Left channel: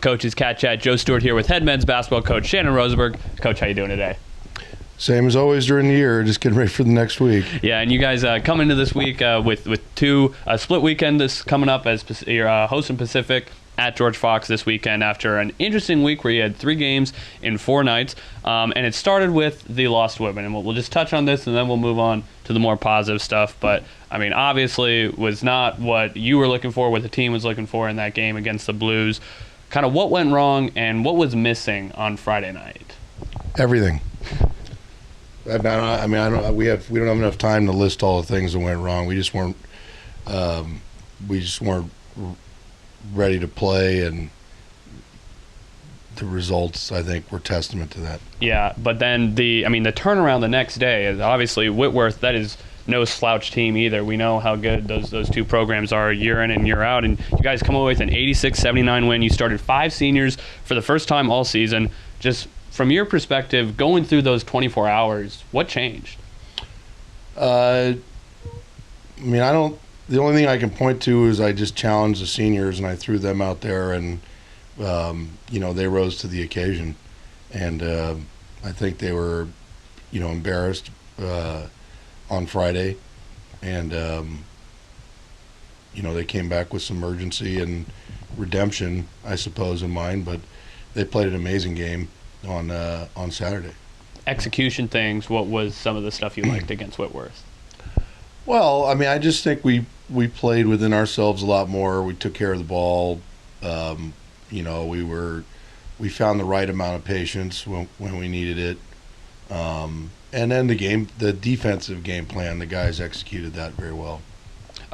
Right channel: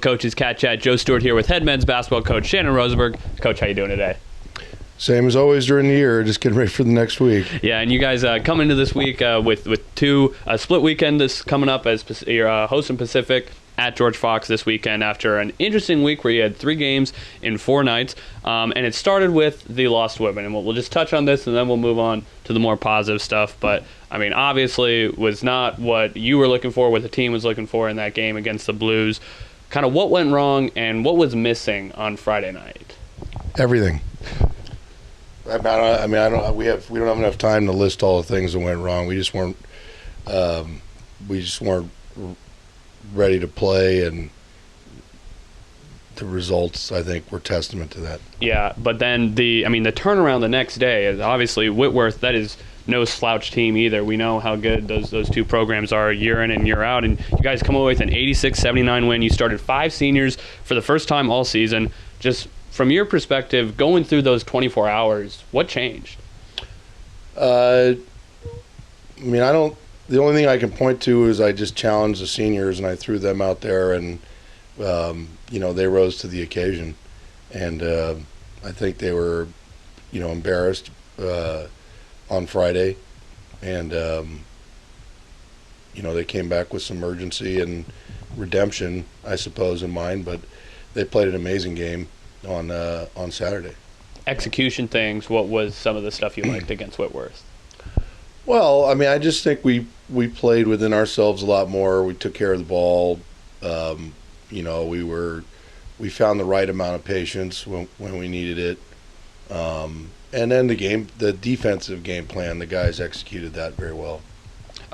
with Coach's CatChat. Joe Stewart here with head men's basketball coach Shannon Rosenberg. Coach, how you doing today? Same as always during the year. Just getting ready for the next week. Yeah, and you guys come into this week with two split weekend this coming up as you're hosting Pacific at George Fox this weekend after an interesting week where you had 3 games in 4 nights. And it started with the loss to Whitman. And we'll just touch on this and then we'll move on to the more positive stuff. But, I mean, obviously it was not what you were looking for, what the team was looking for in that game against the Blues. Kind of what went wrong and what was missing on Friday night? Everything. We don't have enough time to list all the things that went wrong. We just weren't ready to play, and the results, I think, were testament to that. Yeah, but then the turnaround the next day is obviously Whitworth. That is no slouch team either. We know how good those two programs are year in and year out. And you guys come away with an 86-79 win. You started 5 seniors for the first time all season. Just from your perspective, going through those 24 hours, what changed? The only thing I can point to is I just challenged the seniors and I threw them out there, and they rose to the occasion. And I think they were, embarrassed on Friday, and they came back with some urgency and redemption, I suppose, in mind. But they played an amazing game on Saturday. Execution things. What was some of the stuff you liked against Whitworth? Well, I just think we played within ourselves a lot more. We took care of the ball. We found the right amount of patience when we needed it. And then the defensive game plan, the guys executed that very well.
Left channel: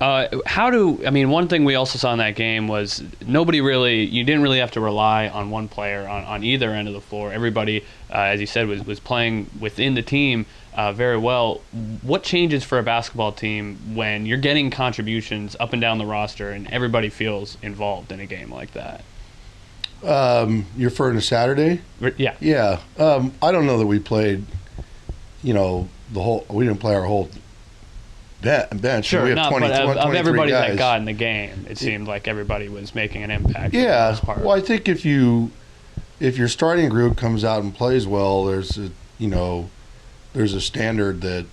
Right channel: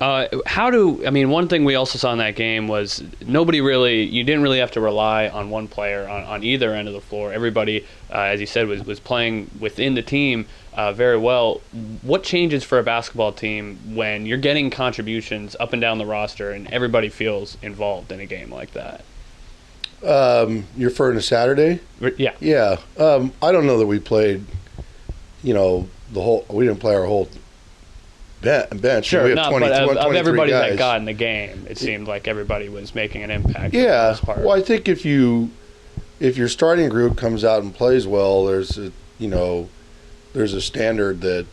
One thing we also saw in that game was you didn't really have to rely on one player on either end of the floor. Everybody, as you said, was playing within the team very well. What changes for a basketball team when you're getting contributions up and down the roster and everybody feels involved in a game like that? You're referring to Saturday? Yeah. Yeah. I don't know that we played, we didn't play our whole bench. Sure, we have 23 guys. Got in the game, it seemed like everybody was making an impact. Yeah. Well, I think if your starting group comes out and plays well, there's a standard that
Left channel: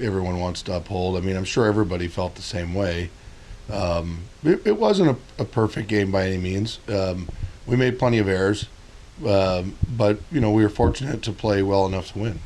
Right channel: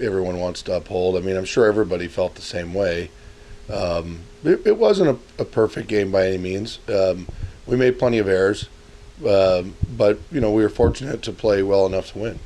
everyone wants to uphold. I'm sure everybody felt the same way. It wasn't a perfect game by any means. We made plenty of errors, but we were fortunate to play well enough to win.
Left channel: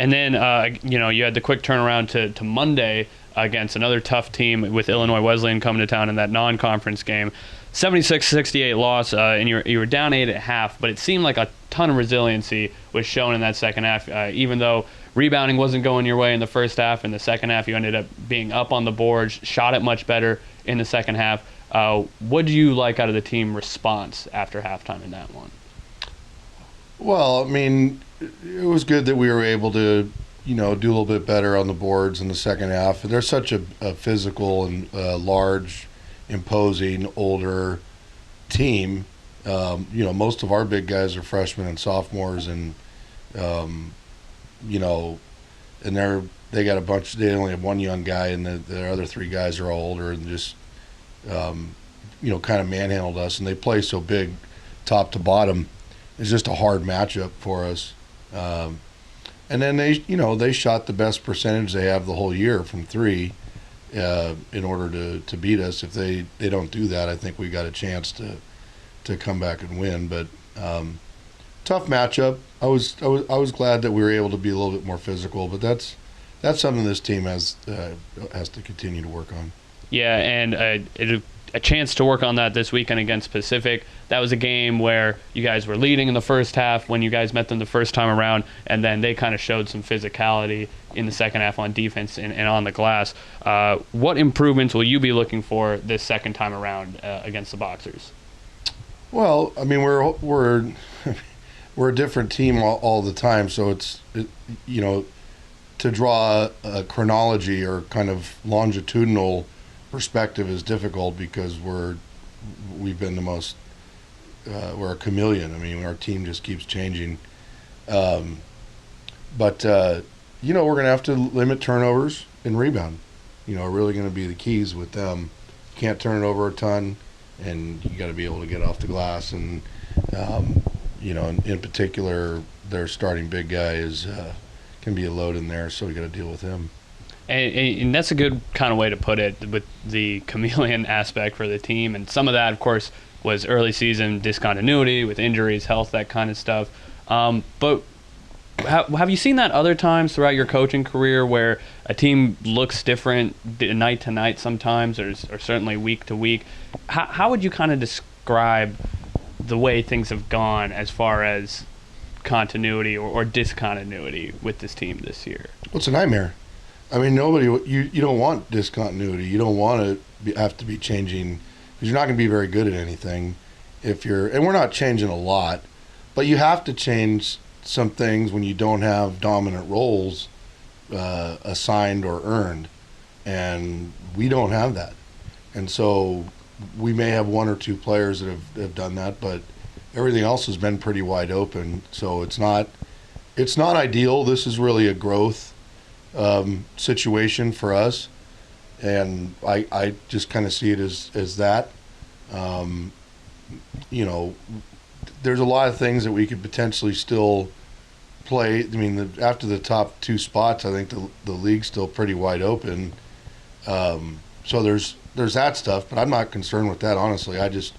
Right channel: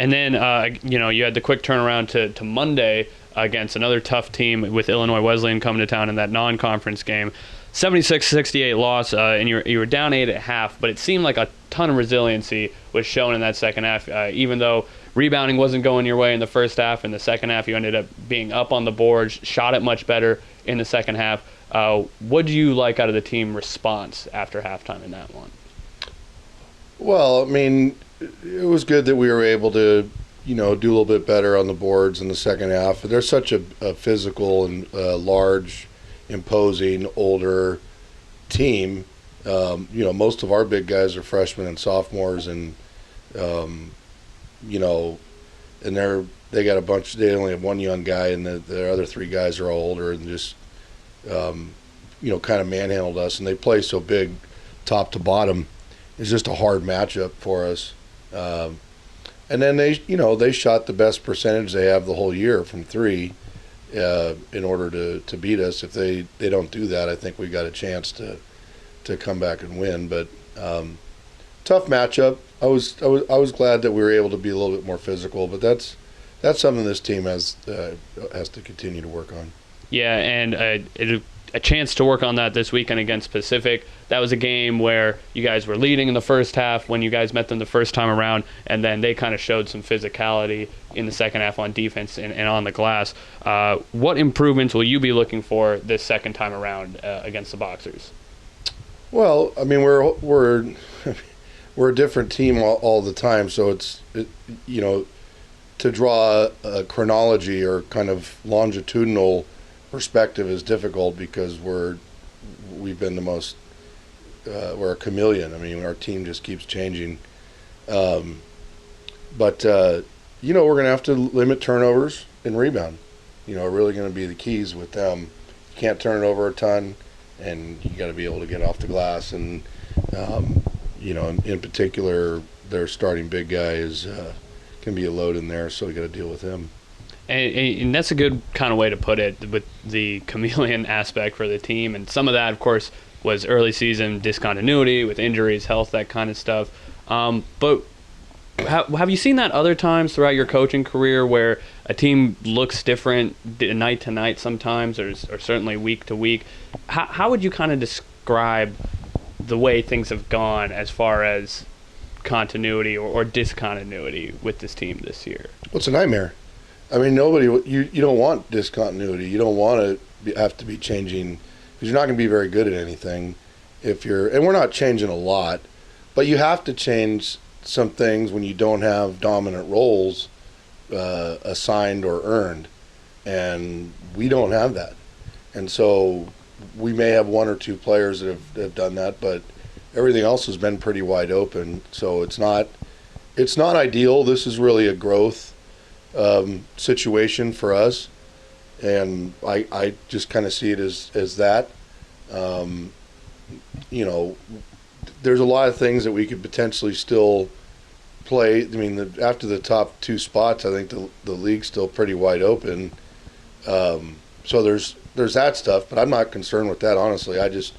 And then you had the quick turnaround to Monday against another tough team with Illinois Wesleyan coming to town in that non-conference game. 76-68 loss, and you were down 8 at half, but it seemed like a ton of resiliency was shown in that second half, even though rebounding wasn't going your way in the first half. In the second half, you ended up being up on the boards, shot it much better in the second half. What did you like out of the team response after halftime in that one? Well, it was good that we were able to, do a little bit better on the boards in the second half. They're such a physical and large, imposing, older team. Most of our big guys are freshmen and sophomores, and and they got a bunch. They only have one young guy, and the other 3 guys are all older, and just kind of manhandled us. And they play so big, top to bottom. It's just a hard matchup for us. And then they shot the best percentage they have the whole year from 3. In order to beat us. If they don't do that, I think we got a chance to come back and win. But tough matchup. I was glad that we were able to be a little bit more physical, but that's something this team has to continue to work on. Yeah, and a chance to work on that this weekend against Pacific. That was a game where you guys were leading in the first half when you guys met them the first time around, and then they kind of showed some physicality in the second half on defense and on the glass. What improvements will you be looking for this second time around against the Boxers? Well, we're a different team all the time, so to draw a chronology or kind of longitudinal perspective is difficult because we've been the most we're a chameleon. Our team just keeps changing, but we're going to have to limit turnovers and rebound. Are really going to be the keys with them. Can't turn it over a ton, and you got to be able to get off the glass. And in particular, their starting big guy can be a load in there, so we got to deal with him. And that's a good kind of way to put it, with the chameleon aspect for the team. And some of that, of course, was early season discontinuity with injuries, health, that kind of stuff. But have you seen that other times throughout your coaching career where a team looks different night to night sometimes, or certainly week to week? How would you kind of describe the way things have gone as far as continuity or discontinuity with this team this year? Well, it's a nightmare. I mean, you don't want discontinuity. You don't want to have to be changing, because you're not going to be very good at anything and we're not changing a lot, but you have to change some things when you don't have dominant roles assigned or earned, and we don't have that. And so we may have one or two players that have done that, but everything else has been pretty wide open. So it's not ideal. This is really a growth situation for us, and I just kind of see it as that. There's a lot of things that we could potentially still play. I mean, after the top two spots, I think the league's still pretty wide open. So there's that stuff, but I'm not concerned with that, honestly. I just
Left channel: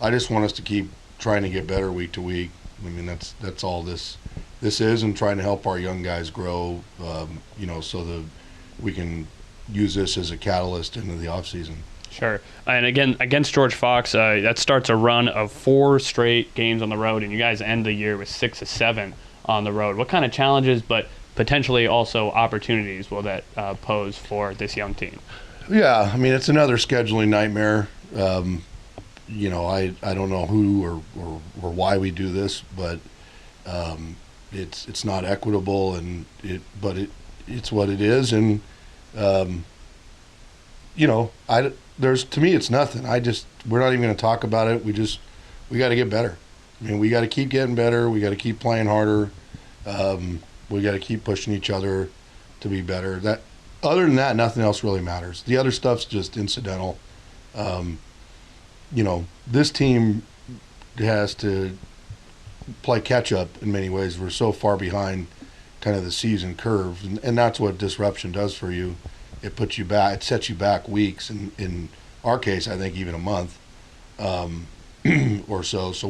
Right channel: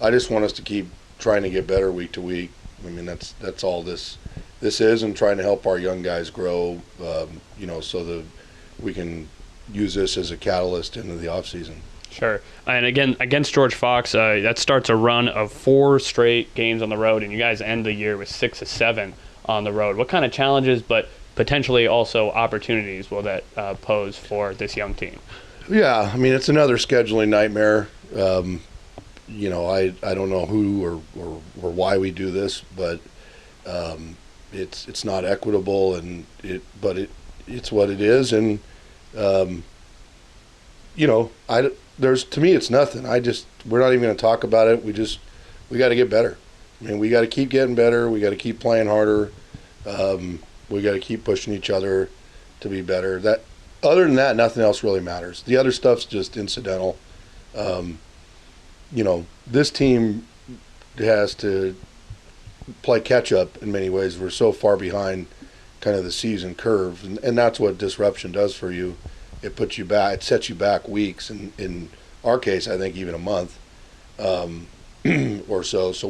want us to keep trying to get better week to week. I mean, that's all this is, and trying to help our young guys grow, so that we can use this as a catalyst into the off season. Sure. And again, against George Fox, that starts a run of 4 straight games on the road, and you guys end the year with 6 of 7 on the road. What kind of challenges, but potentially also opportunities, will that pose for this young team? Yeah, I mean, it's another scheduling nightmare. I don't know who or why we do this, but it's not equitable, but it's what it is. And to me, it's nothing. We're not even going to talk about it. We got to get better. I mean, we got to keep getting better. We got to keep playing harder. We got to keep pushing each other to be better. Other than that, nothing else really matters. The other stuff's just incidental. This team has to play catch up in many ways. We're so far behind kind of the season curve, and that's what disruption does for you. It puts you back. It sets you back weeks, and in our case, I think even a month or so. So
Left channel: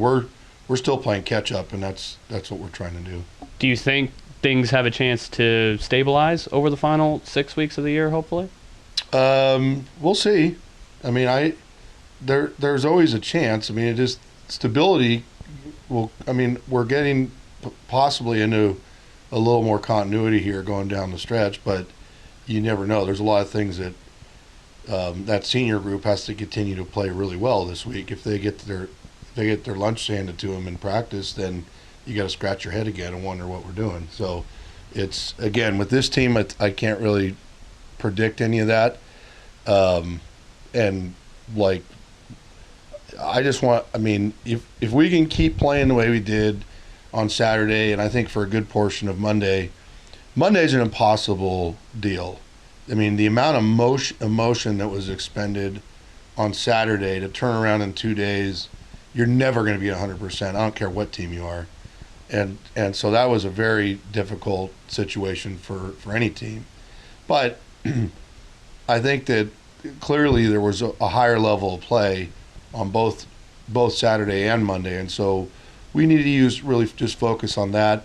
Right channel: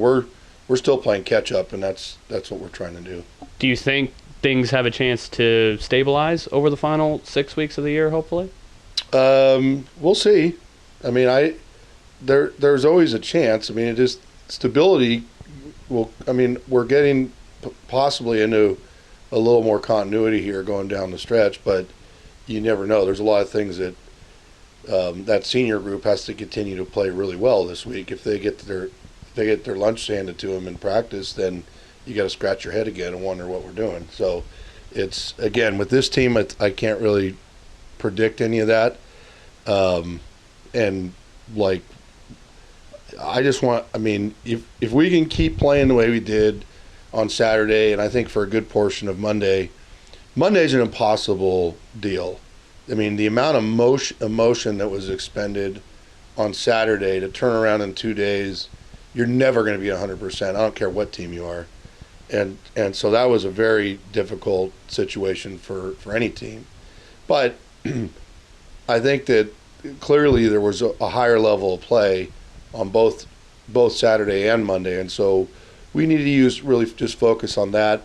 we're still playing catch up, and that's what we're trying to do. Do you think things have a chance to stabilize over the final 6 weeks of the year, hopefully? We'll see. I mean, there's always a chance. I mean, it is stability. We're getting possibly into a little more continuity here going down the stretch, but you never know. There's a lot of things that that senior group has to continue to play really well this week. If they get their lunch handed to them in practice, then you got to scratch your head again and wonder what we're doing. So it's, again, with this team, I can't really predict any of that. If we can keep playing the way we did on Saturday, and I think for a good portion of Monday's an impossible deal. I mean, the amount of emotion that was expended on Saturday to turn around in 2 days, you're never going to be 100%. I don't care what team you are. And so that was a very difficult situation for any team. But I think that clearly there was a higher level of play on both Saturday and Monday. And so we need to really just focus on that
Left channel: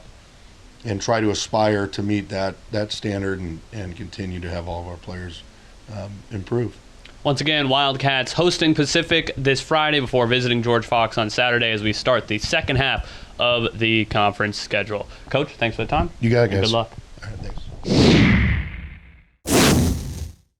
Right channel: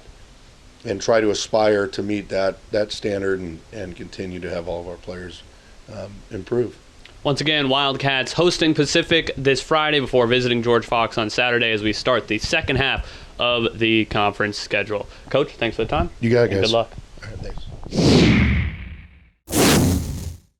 and try to aspire to meet that standard and continue to have all of our players improve. Once again, Wildcats hosting Pacific this Friday before visiting George Fox on Saturday as we start the second half of the conference schedule. Coach, thanks for the time. You got it, guys. Good luck. All right, thanks.